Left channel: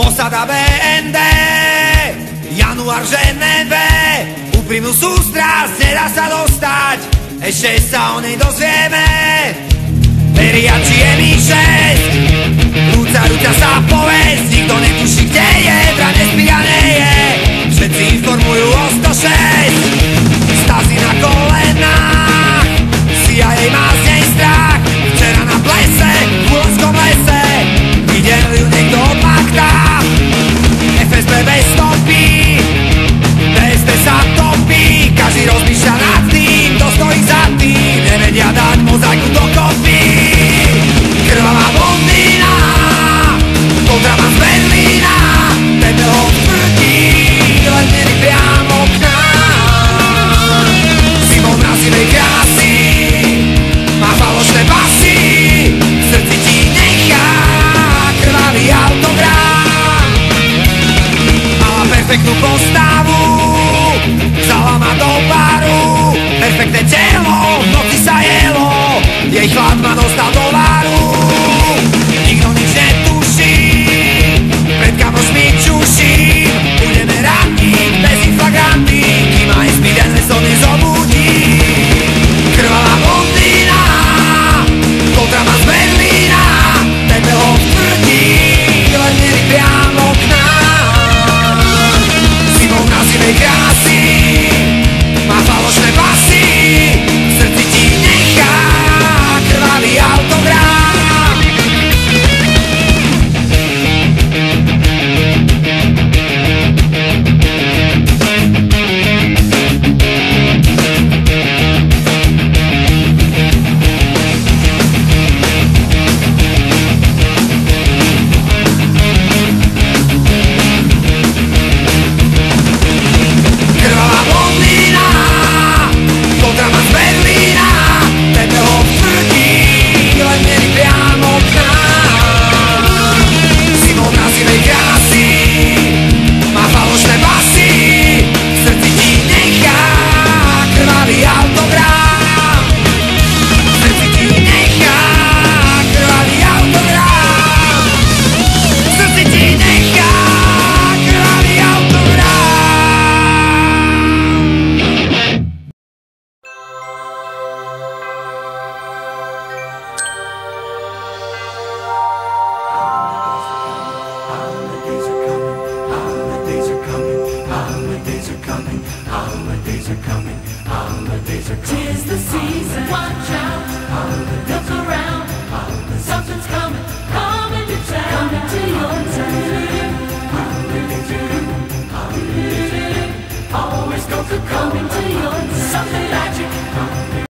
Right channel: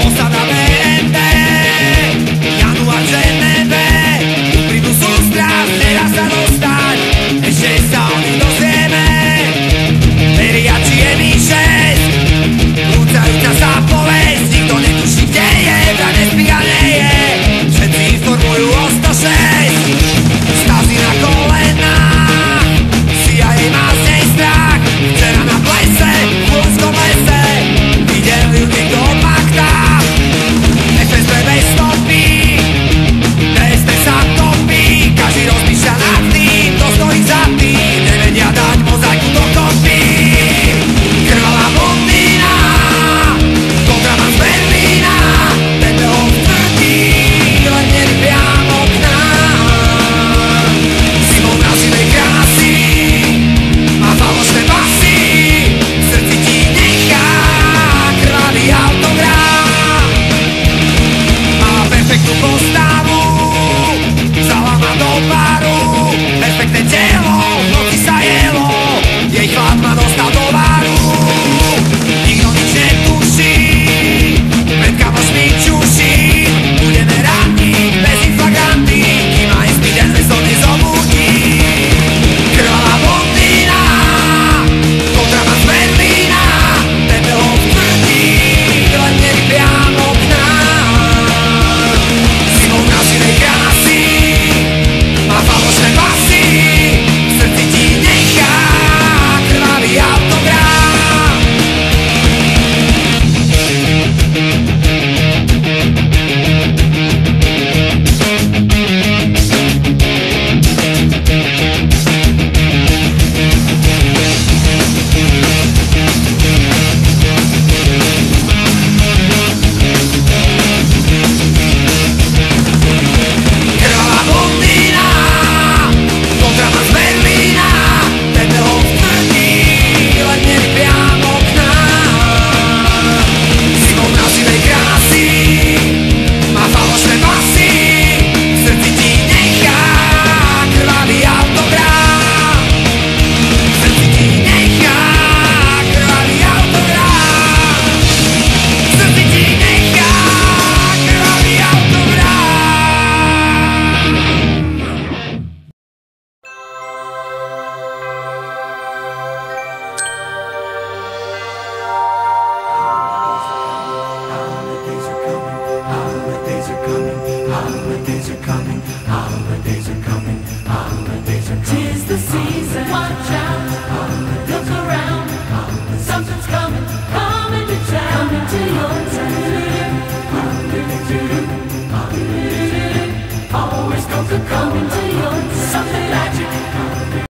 Posada BND, január v Ženeve, úprimnú sústrasť nedá sa dostať, ešte sa o nej dozvieme. Veriači je Mi-6, rúcajúca sa povesť, nikto netuší, kde je, vraj nespí a nie je. Všetci informujú o 106, Stasi na kolenách, CIA má z nej strach. Včera na plese, v Hulenskom lese, videl ju niekto od Makta. FSB bez stopy, DST sa topí, každý rozmýšľa nad tým, kto stojí za tým, nevedia dať mozaiku dokopy. Krvavá blondína, kontraband z Berlína, Tepelov tvrdí, len mierí priamo k nám. Simon mrazivej krásy, má falošné pasy, v srdci ti nechá krvavý autogram. Mala perfektnú postavu, vzala ma do baru, perfektné telo, v noci sa jelo, jej chlad ma dostal do varu. Nikto nič netuší, pred kamošmi čuším, budeme raniť bez inflagranty, kým aj zbyden leso nezobudí. Krvavá blondína, kontraband z Berlína, Tepelov tvrdí, len mierí priamo k nám. Simon mrazivej krásy, má falošné pasy, v srdci ti nechá krvavý autogram. Kontraband z Berlína, Tepelov tvrdí, len mierí priamo k nám. Simon mrazivej krásy, má falošné pasy, v srdci ti nechá krvavý autogram. V srdci ti nechá krvavý autogram. V srdci ti nechá krvavý autogram. Tis the season, watch out, look around, something's coming, coming to town, coming to your town. Always go for coming to your town. Something